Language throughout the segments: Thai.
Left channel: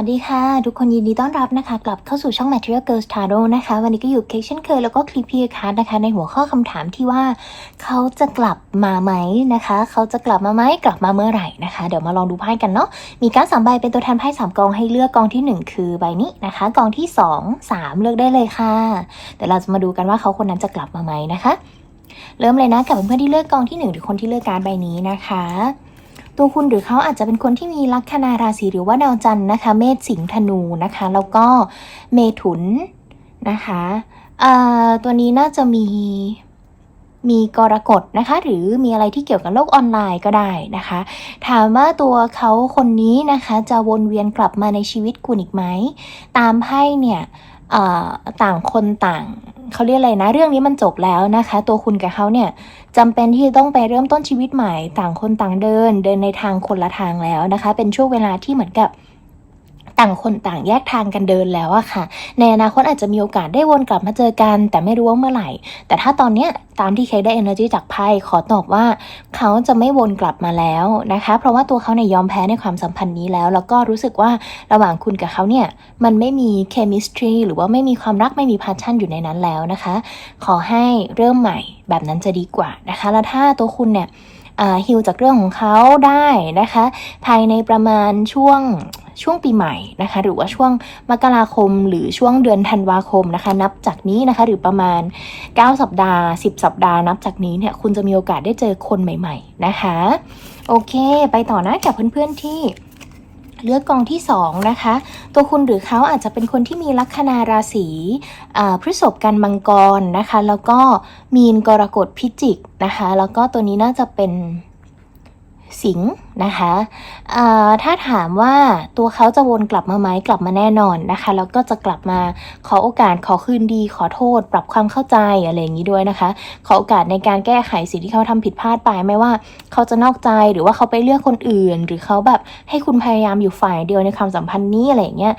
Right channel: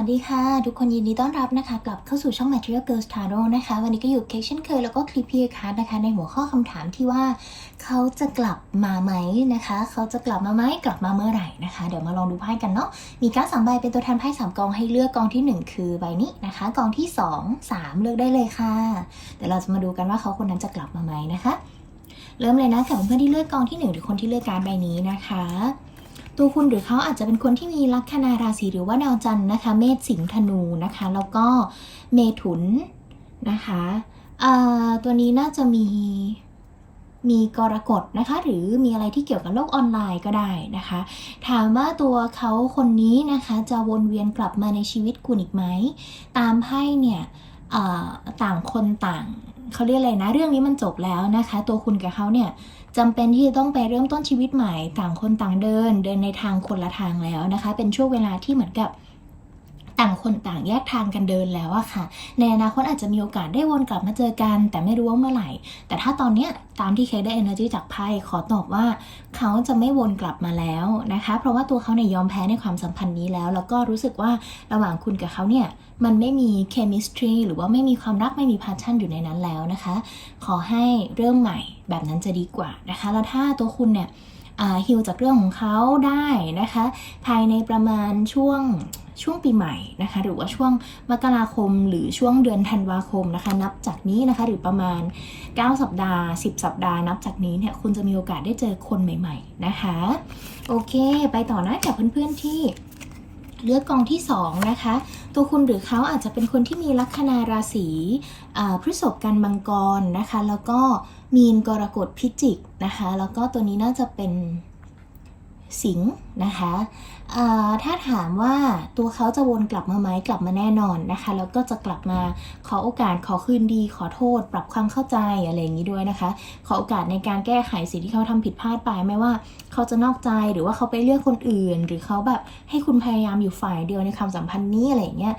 วัสดีค่ะ ทุกคนยินดีต้อนรับนะคะ กลับเข้าสู่ช่อง Material Girls Tarot นะคะ วันนี้ก็อยู่เคกเช่นเคยแล้วก็คลิปพีคัสนะคะ ในหัวข้อคำถามที่ว่า เขาจะกลับมาไหมนะคะ เขาจะกลับมาไหมกลับมาเมื่อไหร่นะคะ เดี๋ยวมาลองดูไพ่กันเนาะมีการสามใบเป็นตัวแทนไพ่สามกองให้เลือกกองที่หนึ่งคือใบนี้นะคะ กองที่สองสามเลือกได้เลยค่ะเดี๋ยวเราจะมาดูกันว่าเขาคนนั้นจะกลับมาไหมนะคะ เริ่มเลยนะกับเพื่อนๆที่เลือกกองที่หนึ่งหรือคนที่เลือกการใบนี้นะคะ ตัวคุณหรือเขาอาจจะเป็นคนที่มีลัคนาราศีหรือว่าดาวจันทร์นะคะ เมษสิงห์ธนูนะคะ แล้วก็เมถุนนะคะเอ่อตัวนี้น่าจะมีมีกรกฎนะคะ หรือมีอะไรที่เกี่ยวกับโลกออนไลน์ก็ได้นะคะ ถามว่าตัวเขาคนนี้นะคะ จะวนเวียนกลับมาในชีวิตคุณอีกไหม ตามไพ่เนี่ยต่างคนต่าง เขาเรียกอะไรนะ เรื่องนี้มันจบแล้วนะคะ ตัวคุณกับเขาเนี่ยจำเป็นที่จะต้องไปเริ่มต้นชีวิตใหม่ ต่างคนต่างเดิน เดินในทางคนละทางแล้วนะคะ เป็นช่วงเวลาที่เหมือนกับ ต่างคนต่างแยกทางกันเดินแล้วอะค่ะ ในอนาคตอาจจะมีโอกาสได้วนกลับมาเจอกัน แต่ไม่รู้ว่าเมื่อไหร่ แต่ถ้าตอนเนี้ยตามที่เคได้ energy จากไพ่ขอตอบว่า เขาจะไม่วนกลับมาแล้วนะคะ เพราะว่าตัวเขาเนี่ยยอมแพ้ในความสัมพันธ์นี้แล้ว แล้วก็รู้สึกว่าระหว่างคุณกับเขาเนี่ยมันไม่มี chemistry หรือว่าไม่มีความรักไม่มี passion อยู่ในนั้นแล้วนะคะ ขอให้เริ่มใหม่แบบนั้นจะดีกว่านะคะ แล้วถ้าตัวคุณเนี่ยฮิลจากเรื่องของเขาได้นะคะ ภายในประมาณช่วง ช่วงปีใหม่นะคะ หรือว่าช่วงมกราคม หรือช่วงเดือนธันวาคมนะคะ นับจากนี้นะคะ หรือประมาณ 9 สัปดาห์ 10 สัปดาห์นับจากนี้เนี่ยคุณจะมีโอกาสได้เจอคนใหม่ ๆ นะคะ โอเค ไปต่อนะกับเพื่อนๆที่เลือกกองที่2นะคะ ตัวคุณหรือเขาอาจจะเป็นคนที่มีลัคนาราศีพฤษภกันมังกรนะคะ แล้วก็มีนกรกฎพิจิกนะคะ แล้วก็ตัวนี้น่าจะเป็น สิงห์นะคะถ้าถามว่าตัวเขาจะวนกลับมาไหมกลับมาแน่นอนนะคะแล้วก็จะกลับมาขอโอกาสขอคืนดี ขอโทษ ปรับความเข้าใจอะไรอย่างนี้ด้วยนะคะ ขอโอกาสในการแก้ไขสิ่งที่เขาทำผิดพลาดไปไม่ว่า เขาจะนอกใจหรือว่าเขาไปเลือกคนอื่น หรือเขาแบบให้คุณพยายามอยู่ฝ่ายเดียวในความสัมพันธ์นี้อะไรอย่างเงี้ย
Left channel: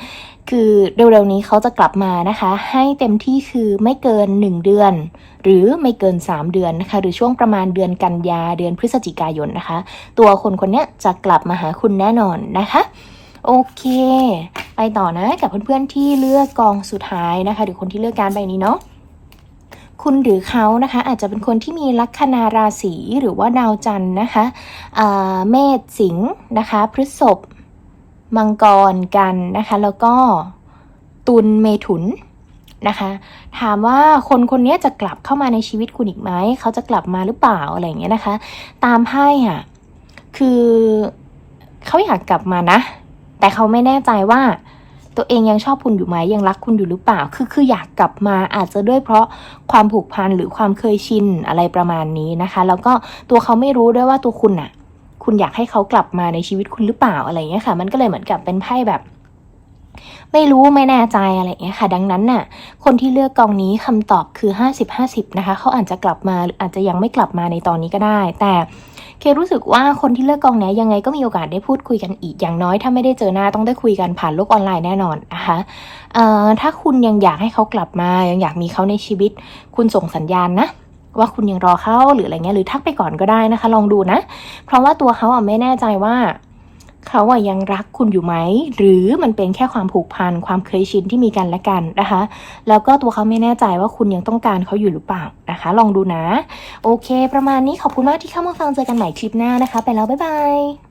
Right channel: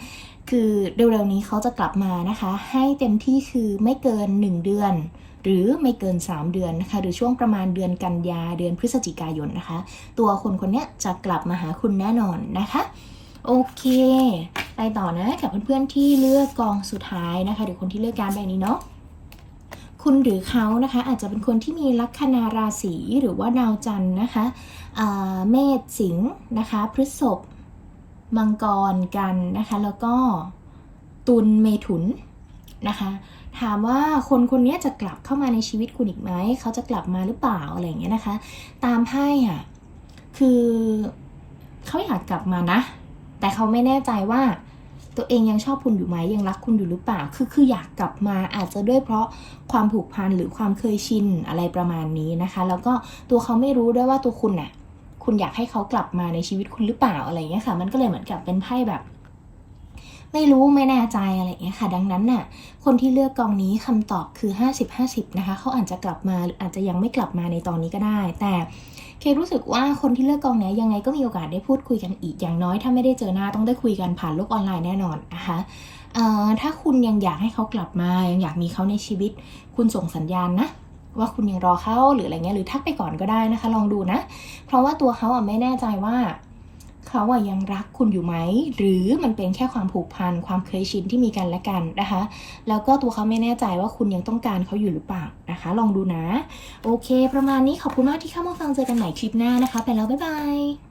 คือเร็วๆนี้เขาจะกลับมานะคะ ให้เต็มที่คือไม่เกิน 1 เดือน หรือไม่เกิน 3 เดือนนะคะ หรือช่วงประมาณเดือนกันยาเดือนพฤศจิกายนนะคะ ตัวคนคนนี้จะกลับมาหาคุณแน่นอนนะคะ โอเค ไปต่อนะกับเพื่อนๆที่เลือกกองสุดท้ายนะคะ หรือคนที่เลือกการใบนี้เนาะคุณหรือเขานะคะอาจจะเป็นคนที่มีลัคนาราศีหรือว่าดาวจันทร์นะคะเมษสิงห์นะคะ พฤษภ มังกรกันนะคะ แล้วก็ตุลเมถุนนะคะ ถามว่าคนคนนี้จะกลับเข้ามาในชีวิตคุณอีกไหม เขาจะกลับมาหรือเปล่าอะไรอย่างเงี้ยนะคะ ตามไพ่อะคือเขาอยากกลับมานะ แต่เขาไม่แน่ใจว่าตัวเองยังชอบคุณอยู่ไหมยังรักคุณอยู่หรือเปล่า คือคืออยากกลับมาอาจจะด้วยเพราะความผูกพันหรือความเคยชินอะไรประมาณนี้นะคะ แล้วก็ตัวเขาไม่รู้ด้วยว่าตัวคุณอะ คุณอยากให้เขากลับมาในชีวิตคุณหรือเปล่าอะไรเงี้ยค่ะ มันก็เลยเหมือนกับเป็นไพ่แบบ ไม่รู้ไม่แน่ใจอะไรเงี้ยค่ะ ดังนั้นน่ะ คนที่เลือกกองนี้คำตอบคือ 50-50 นะคะ เขาอาจจะกลับมาหรืออาจจะยังไม่กลับมาในตอนนี้ก็ได้ แต่เครู้สึกว่าคนที่เลือกกองนี้ยังไงก็มีโอกาสได้พูดคุยกันอีกอย่างน้อย ถ้าไม่ได้เจอหน้าต้องได้คุยกันผ่านโลกออนไลน์แน่นอนนะคะถ้าคุณยังอยากให้เขากลับมายังอยากมีเขาในชีวิต คุณส่งสัญญาณนะ ว่าคุณยังรอเขาหรืออะไรเงี้ยหรือทักไปก่อนก็ได้นะคะ ลองดูนะ เพราะว่าตัวเขาอะไม่แน่ใจว่าเขาอะยังรักคุณอยู่ไหม หรือมันเป็นแค่ความผูกพันความเคยชินที่มีกันและกันนะคะ แล้วก็ตัวเขาไม่แน่ใจว่าคุณยังต้องการเขาอยู่หรือเปล่านะคะ ลองดูนะ โอเค ประมาณนี้ขอบคุณมากที่เข้ามาฟังเจอกันใหม่คลิปหน้านะคะ ไปแล้วบ๊ายบาย